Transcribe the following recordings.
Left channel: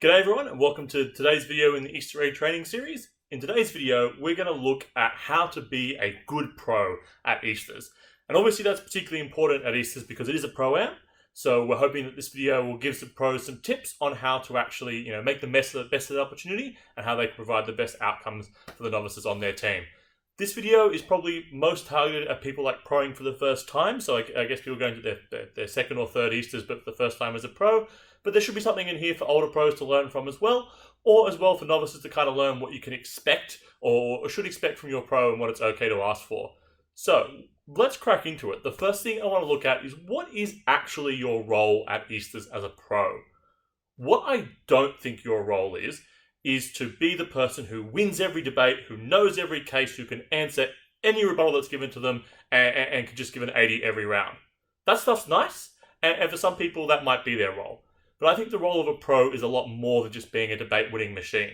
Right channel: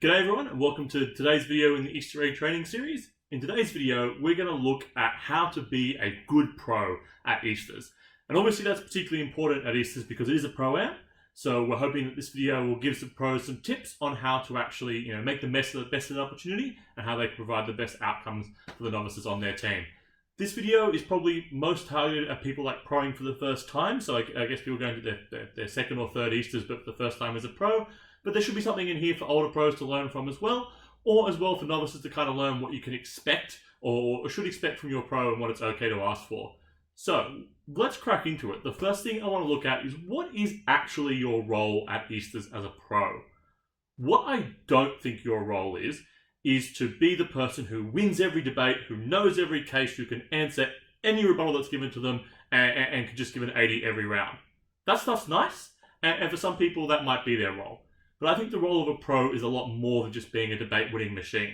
G'day everyone and welcome to today's video in the Easter egg training series. In today's video, we're going to look at how to be a good pro at Easters. And obviously that's particularly important at Easters because it is a pro-am. So we're hoping that this video will give some pros some tips on how to actually make the best of the opportunity and how they can provide the best outcomes for the novices on their team. This video is probably most targeted at people like proing for the first time. So I guess people going to their second or third Easters but for the first time as a pro. But there should be something in here for older pros to learn from as well, or as well for novices to kind of learn what you can expect or should expect from your pro and what it's okay to ask for. So let's crack into it. The first thing I want to look at is what is actually your role at Easters as a pro. What I don't think your role is to be the person who wins every debate, who knows every case, who can answer any rebuttal that's given to them and can just give an 80 every round. That stuff's nice, and for some people that might be their role. But I think the role of a pro is a lot more than just being a debate-winning machine.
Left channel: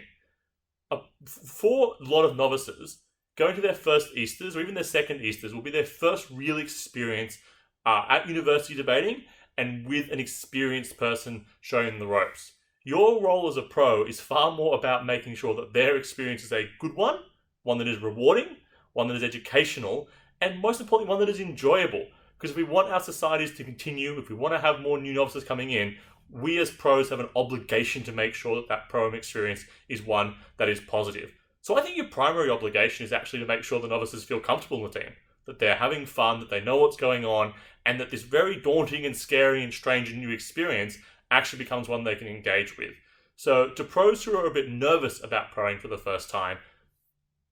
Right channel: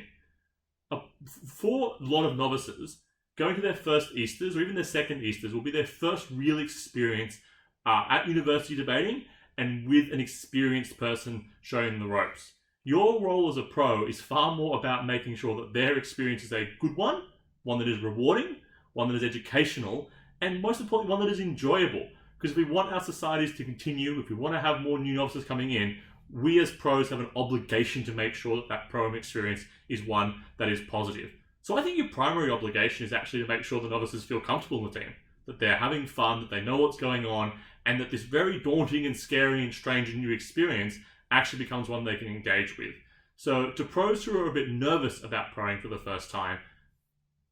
For a lot of novices, going to their first Easters or even their second Easters will be their first real experience at university debating and with an experienced person showing them the ropes. Your role as a pro is far more about making sure that their experience is a good one that is rewarding, one that is educational, and most importantly, one that is enjoyable. Because if we want our societies to continue, if we want to have more new novices coming in, we as pros have an obligation to make sure that that pro experience is one that is positive. So I think your primary obligation is actually to make sure the novices feel comfortable in the team, that they're having fun, that they know what's going on, and that this very daunting and scary and strange and new experience actually becomes one they can engage with. So to pros who are a bit nervous about proing for the first time,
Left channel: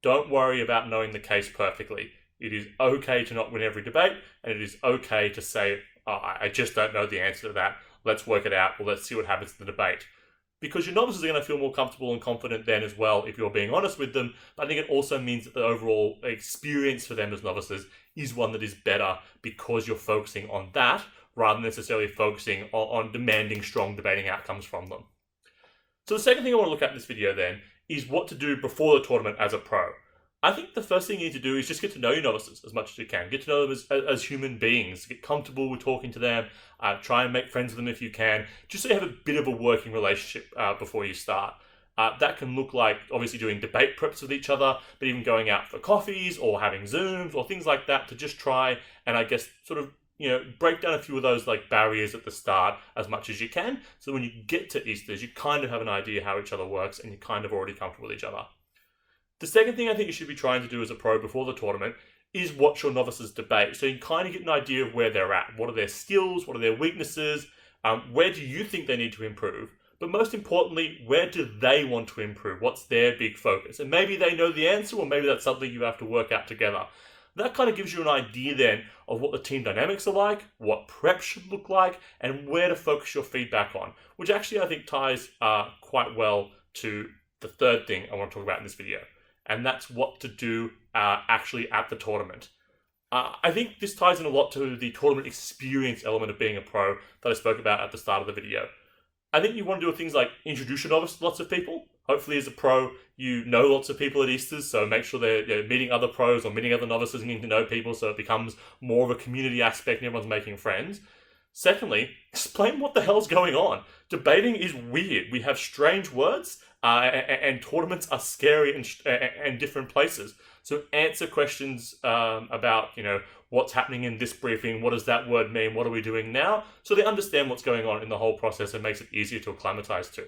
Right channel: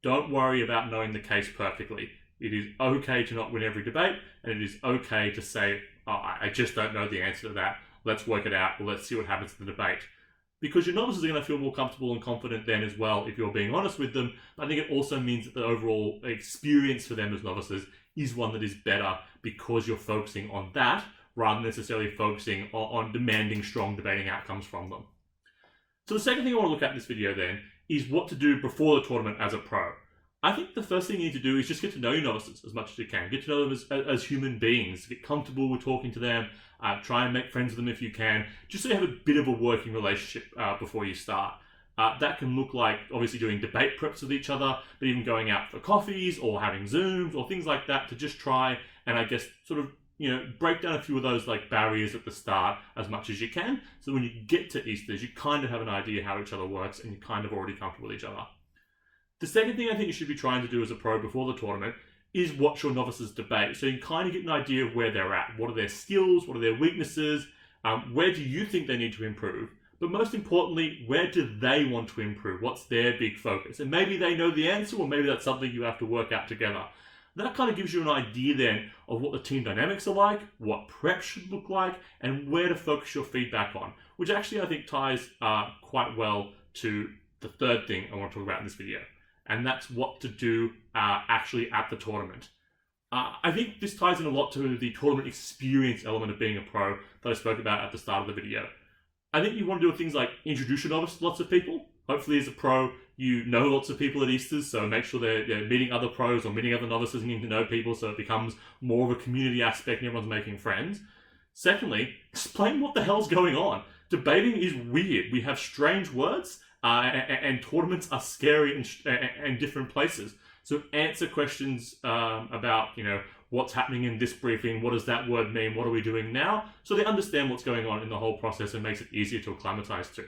don't worry about knowing the case perfectly. It is okay to not win every debate, and it is okay to say, I just don't know the answer to that. Let's work it out, or let's see what happens in the debate. Because your novices are going to feel more comfortable and confident then as well if you're being honest with them. But I think it also means that the overall experience for them as novices is one that is better because you're focusing on that rather than necessarily focusing on demanding strong debating outcomes from them. So the second thing I want to look at in this video then is what to do before the tournament as a pro. I think the first thing you need to do is just get to know your novices as much as you can. Get to know them as human beings. Get comfortable with talking to them. Try and make friends with them if you can. Just so you have a bit of a working relationship before you start. That can look like obviously doing debate preps with each other, but even going out for coffees or having Zooms or things like that to just try and I guess sort of break down a few of those like barriers at the start as much as you can. So when you get to Easters, you kind of have an idea how each other works and you're kind of already comfortable with each other. The second thing I think you should be trying to do as a pro before the tournament is watch your novices debate. So you kind of get an idea of where they're at. What are their skills? What are their weaknesses? Where do you think they need to improve? But most importantly, where do they want to improve? What's their big focus? And maybe they know the answer, or maybe that's something you have to work out together. That kind of gives you an idea then of what the team dynamics are like, what prep should look like, and where to focus your feedback on, which actually I think ties quite well to the third thing I want to talk about in this video. And that's what to do actually at the tournament. I think this ties in a lot to the tournament experience element of being a pro that I spoke about at the start of the video. I think you want to do things like introduce your novice to lots of people. Hopefully as a pro, you know lots of people at Easters, so make sure they're meeting other pros or meeting other novices and getting to know people so it becomes more of a community aspect and everyone's making friends. Secondly, explain what the hell's going on. Debating is weird. We have strange words. And tournaments are scary and different places. So answer questions about, what's happening in this briefing, what does that word mean, what are we doing now? So they understand what's going on in the whole process and makes it easier to acclimatize to.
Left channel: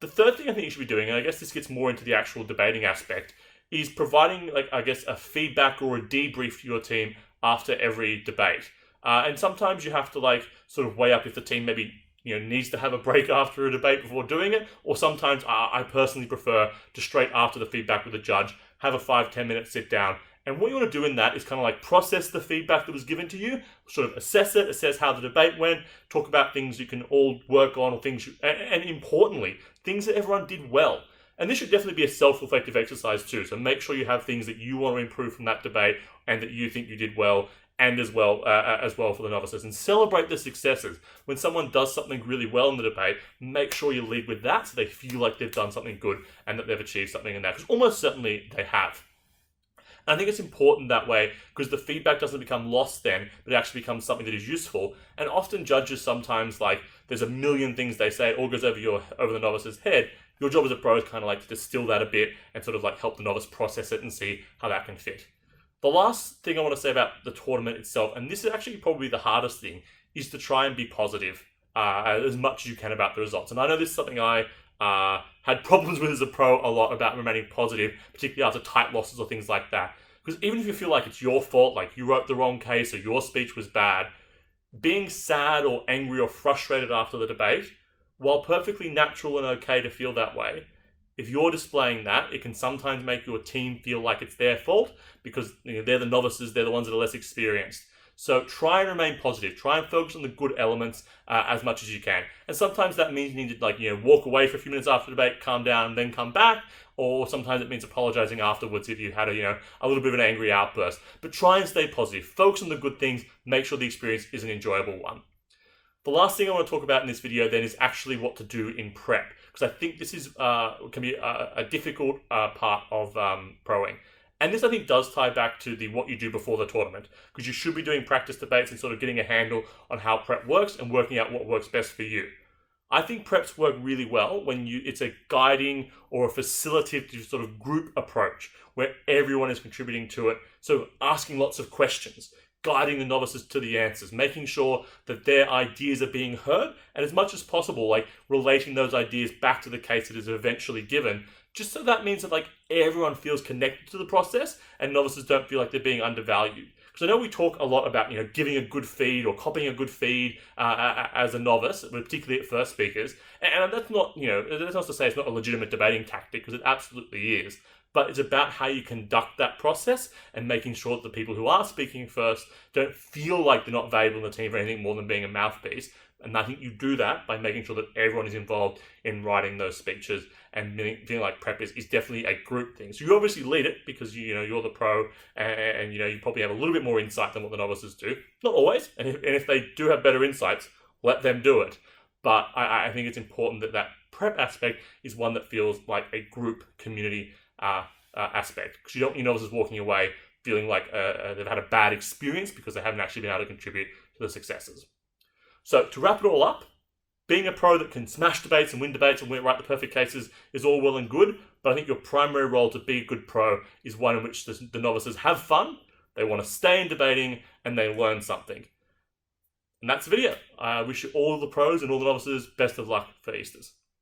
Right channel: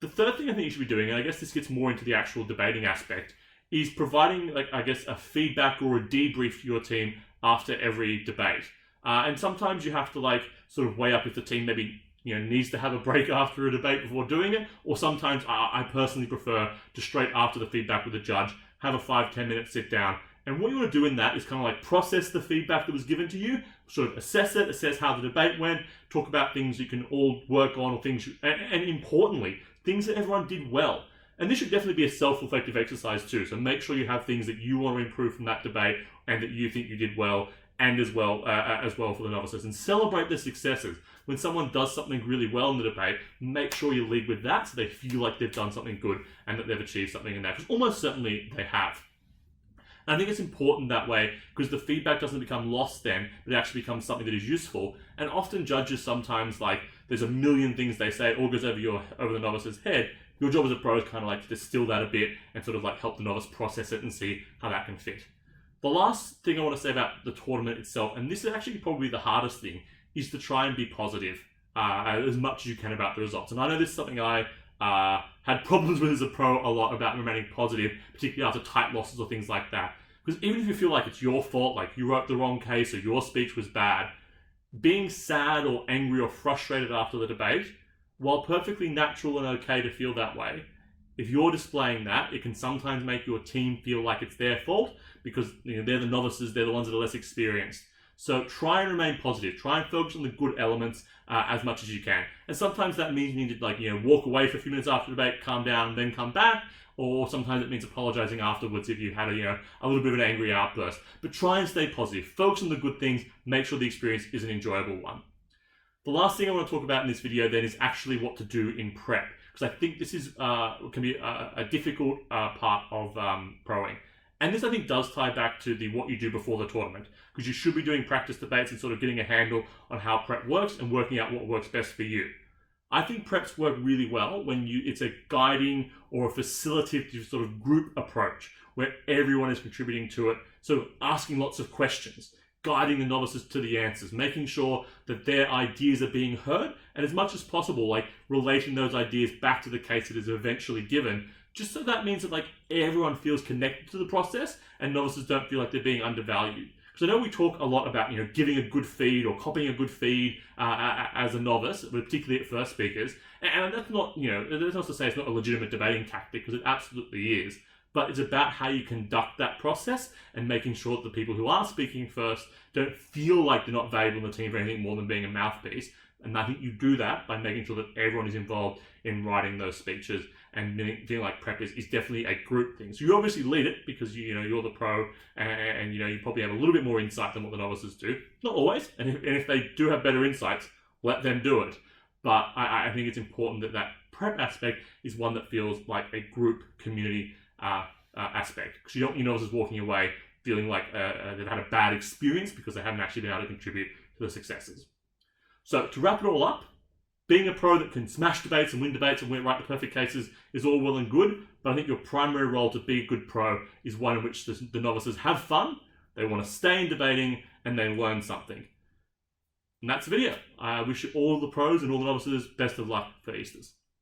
The third thing I think you should be doing, and I guess this gets more into the actual debating aspect, is providing, a feedback or a debrief to your team after every debate. And sometimes you have to, sort of weigh up if the team maybe needs to have a break after a debate before doing it, or sometimes I personally prefer to straight after the feedback with the judge, have a 5-10 minute sit down. And what you want to do in that is kind of process the feedback that was given to you, sort of assess how the debate went, talk about things you can all work on, or things, and importantly, things that everyone did well. And this should definitely be a self-reflective exercise too, so make sure you have things that you want to improve from that debate and that you think you did well, and as well for the novices, and celebrate the successes. When someone does something really well in the debate, make sure you lead with that so they feel like they've done something good and that they've achieved something in that, because almost certainly they have. And I think it's important that way because the feedback doesn't become lost then, but it actually becomes something that is useful. And often judges sometimes there's a million things they say, it all goes over the novice's head. Your job as a pro is kind of like to distill that a bit and sort of like help the novice process it and see how that can fit. The last thing I want to say about the tournament itself, and this is actually probably the hardest thing, is to try and be positive as much as you can about the results. And I know this is something I had problems with as a pro a lot, about remaining positive, particularly after tight losses or things like that. Because even if you feel like it's your fault, like you wrote the wrong case or your speech was bad, being sad or angry or frustrated after the debate, while perfectly natural and okay to feel that way, if you're displaying that, it can sometimes make your team feel like it's their fault because they're the novices, they're the ones that are less experienced. So try and remain positive. Try and focus on the good elements as much as you can. And sometimes that means you need to walk away for a few minutes after the debate, calm down, then come back. Or sometimes it means apologizing afterwards if you've had a little bit of an angry outburst. But try and stay positive. Focus on the good things. Make sure the experience is an enjoyable one. The last thing I want to talk about in this video then is actually what to do in prep, because I think this is can be a difficult part of proing. And this, I think, does tie back to what you do before the tournament, because you should be doing practice debates and sort of getting a handle on how prep works and working out what works best for you. I think preps work really well when it's a guiding or a facilitative sort of group approach where everyone is contributing to it, so asking lots of questions, guiding the novices to the answers, making sure that their ideas are being heard, and as much as possible, like relating those ideas back to the case that is eventually given, just so that means that everyone feels connected to the process and novices don't feel like they're being undervalued. Because I know we talk a lot about giving a good feed or copying a good feed as a novice, particularly at first speakers, and that's not that's not to say it's not a legitimate debating tactic, because it absolutely is. But it's about how you conduct that process and making sure that the people who are speaking first don't feel like they're not valuable in the team for anything more than being a mouthpiece. And I think you do that by making sure that everyone is involved in writing those speeches, and feeling like prep is definitely a group thing. So you obviously lead it because you're the pro, and you probably have a little bit more insight than what the novices do. Not always, and if they do have better insights, let them do it. But I think it's important that prep aspect is one that feels like a group community aspect, because you don't want your novices walking away feeling like they've had a bad experience because they haven't actually been able to contribute to the successes. So to wrap it all up, being a pro that can smash debates and win debates and write the perfect cases is all well and good, but I think your primary role to be a good pro is one in which the novices have fun, they want to stay in debating, and they learn something. And that's the video. I wish all the pros and all the novices best of luck for Easters.